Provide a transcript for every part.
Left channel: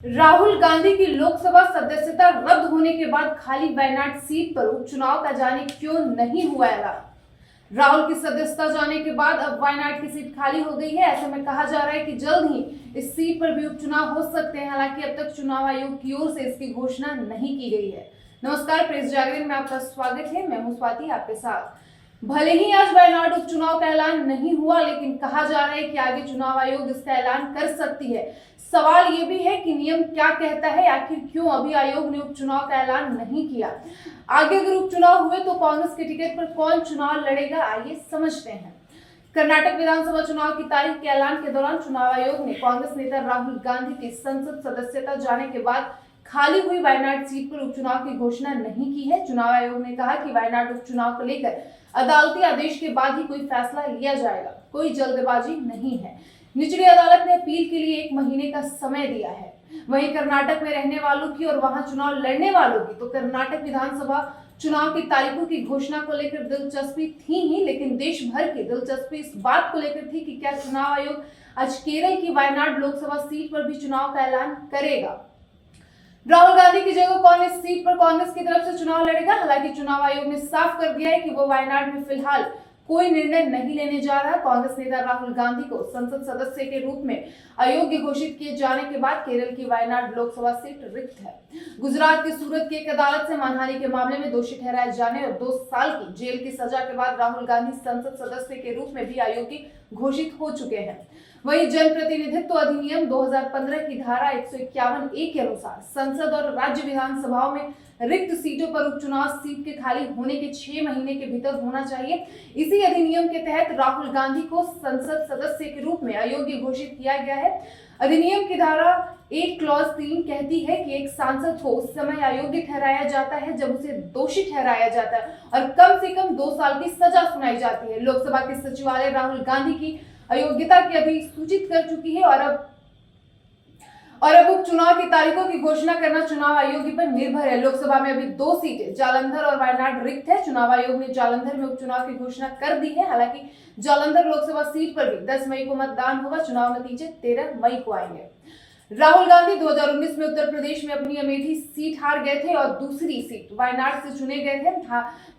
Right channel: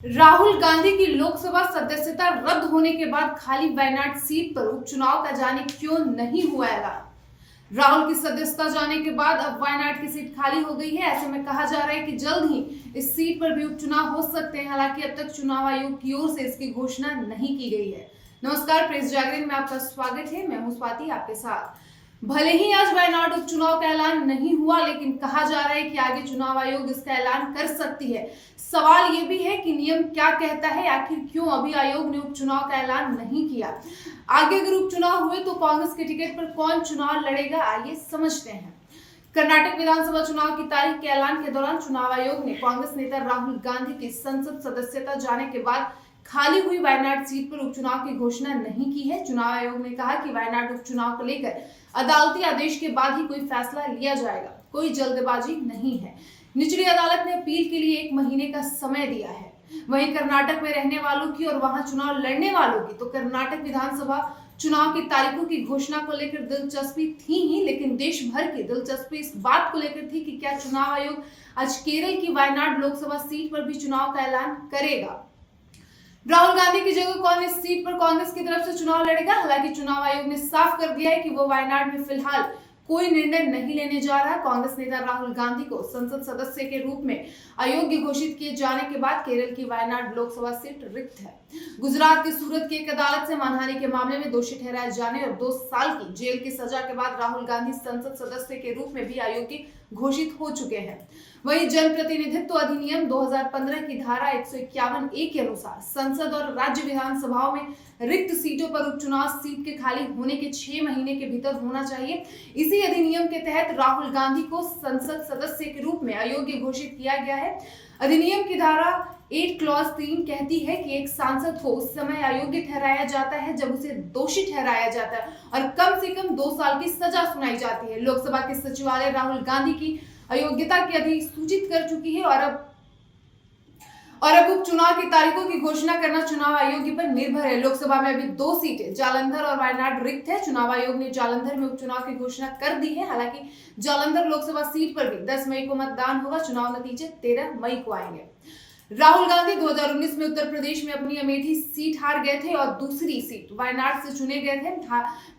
राहुल गांधी की लोकसभा सदस्यता रद्द होने के बाद खाली वायनाड सीट पर उपचुनाव का जाने क्यों नहीं हुआ ऐलान। राहुल की सदस्यता जाने के बाद अब वायनाड की सीट खाली हो गई है। ऐसे में कहा जा रहा है कि जल्द ही इस सीट पर भी उपचुनाव हो सकते हैं। हालांकि अब तक चुनाव आयोग की ओर से इसकी घोषणा नहीं की गई है। नमस्कार, प्रेस जागरण में आपका स्वागत है। मैं हूं स्वाति आपके साथ। भले ही आज वायनाड उपचुनाव का ऐलान नहीं हुआ, लेकिन कहा जा रहा है कि आगे चुनाव आयोग इसका ऐलान कर सकती है। सवाल ये भी है कि नियम क्या कहता है, आखिर क्यों अभी आयोग ने उपचुनाव का ऐलान नहीं किया। आगे अगर उपचुनाव हुए तो कांग्रेस के टिकट पर कौन चुनाव लड़ेगा, आइए समझते हैं। कर्नाटक विधानसभा चुनाव की तारीख के ऐलान के दौरान चुनाव आयोग ने कांग्रेस नेता राहुल गांधी की संसद सदस्यता जाने के बाद खाली हुई वायनाड सीट पर उपचुनाव की घोषणा नहीं की है। चुनाव आयोग ने कहा कि वायनाड उपचुनाव को लेकर अदालती आदेश के बाद ही कोई फैसला लिया जाएगा, कोई जल्दबाजी नहीं है। निचली अदालत ने अपील के लिए 1 महीने का समय दिया है। वहीं कर्नाटक में रहने वालों की और वहां चुनाव लड़ने वालों की तो कर्नाटक विधानसभा चुनाव की तारीखों की घोषणा को लेकर दिलचस्पी थी ही, लेकिन देश भर की दिलचस्पी इस बात को लेकर थी कि क्या चुनाव आयोग आज केरल की वायनाड लोकसभा सीट पर भी चुनाव का ऐलान करेगा। राहुल गांधी की जगह कौन इस सीट पर कांग्रेस की तरफ से चुनाव लड़ेगा। हालांकि चुनाव आयोग ने साफ कर दिया है कि वो वायनाड में फिलहाल कोई निर्णय नहीं लेने जा रहा है। कांग्रेस नेता राहुल गांधी को संसद सदस्य के रूप में अयोग्य घोषित किए जाने के बाद केरल की वायनाड लोकसभा सीट रिक्त है। गुजरात की सूरत की एक अदालत से मानहानि के मामले में दोषी ठहराए जाने और 2 साल की जेल की सजा के बाद राहुल गांधी संसद सदस्य के रूप में भी अयोग्य घोषित हो चुके हैं। वहीं जनप्रतिनिधित्व अधिनियम 2015 की धारा 151(a) के अनुसार संसद और राज्य विधानसभाओं में रिक्त सीटों पर उपचुनाव सीट के खाली होने के 6 महीने के भीतर होना चाहिए। इसी अधिनियम के तहत राहुल गांधी को संसद सदस्य के रूप में अयोग्य घोषित किया गया है। अधिनियम की धारा 8 क्लॉज 3 कहती है कि एक सांसद को उस समय अयोग्य ठहराया जाता है जब उसे दोषी ठहराया जाता है और कम से कम 2 साल की सजा सुनाई जाती है। लोकसभा के सचिवालय राहुल गांधी की अयोग्यता की अधिसूचित कर चुकी है और अब उपचुनाव की तारीखों की घोषणा करना चुनाव आयोग पर निर्भर है। लोकसभा में अभी 2 सीटें जालंधर और वायनाड रिक्त है। चुनाव आयोग ने जालंधर में उपचुनाव की घोषणा कर दी है। हालांकि जालंधर लोकसभा सीट पर भी 10 मई को मतदान होगा। चुनाव नतीजे 13 मई को आएंगे। राहुल गांधी 2019 में उत्तर प्रदेश में अपनी अमेठी सीट हार गए थे और दूसरी सीट वायनाड से चुने गए थे।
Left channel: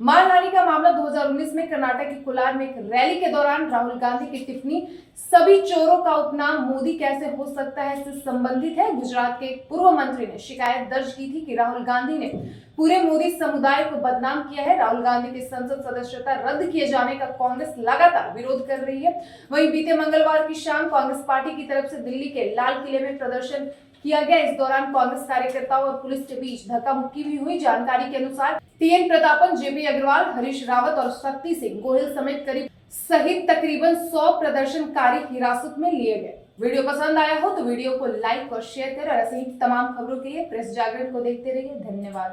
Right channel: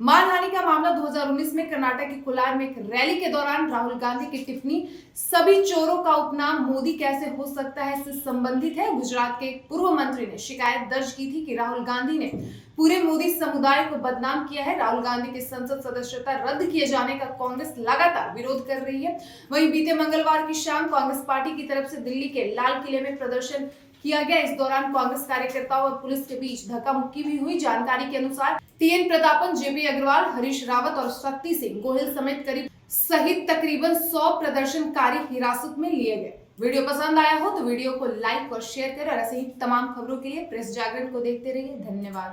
मानहानि का मामला 2019 में कर्नाटक के कोलार में एक रैली के दौरान राहुल गांधी की टिप्पणी सभी चोरों का उपनाम मोदी कैसे हो सकता है से संबंधित है। गुजरात के पूर्व मंत्री ने शिकायत दर्ज की थी कि राहुल गांधी ने पूरे मोदी समुदाय को बदनाम किया है। राहुल गांधी की संसद सदस्यता रद्द किए जाने का कांग्रेस लगातार विरोध कर रही है। वहीं बीते मंगलवार की शाम कांग्रेस पार्टी की तरफ से दिल्ली के लाल किले में प्रदर्शन किया गया। इस दौरान कांग्रेस कार्यकर्ताओं और पुलिस के बीच धक्का मुक्की भी हुई। जानकारी के अनुसार TN प्रतापन, JP अग्रवाल, हरीश रावत और शक्ति सिंह गोहिल सहित तकरीबन 100 प्रदर्शनकारी हिरासत में लिए गए। वीडियो पसंद आया हो तो वीडियो को लाइक और शेयर करें और ऐसे ही तमाम खबरों के लिए प्रेस जागरण को देखते रहिए। धन्यवाद।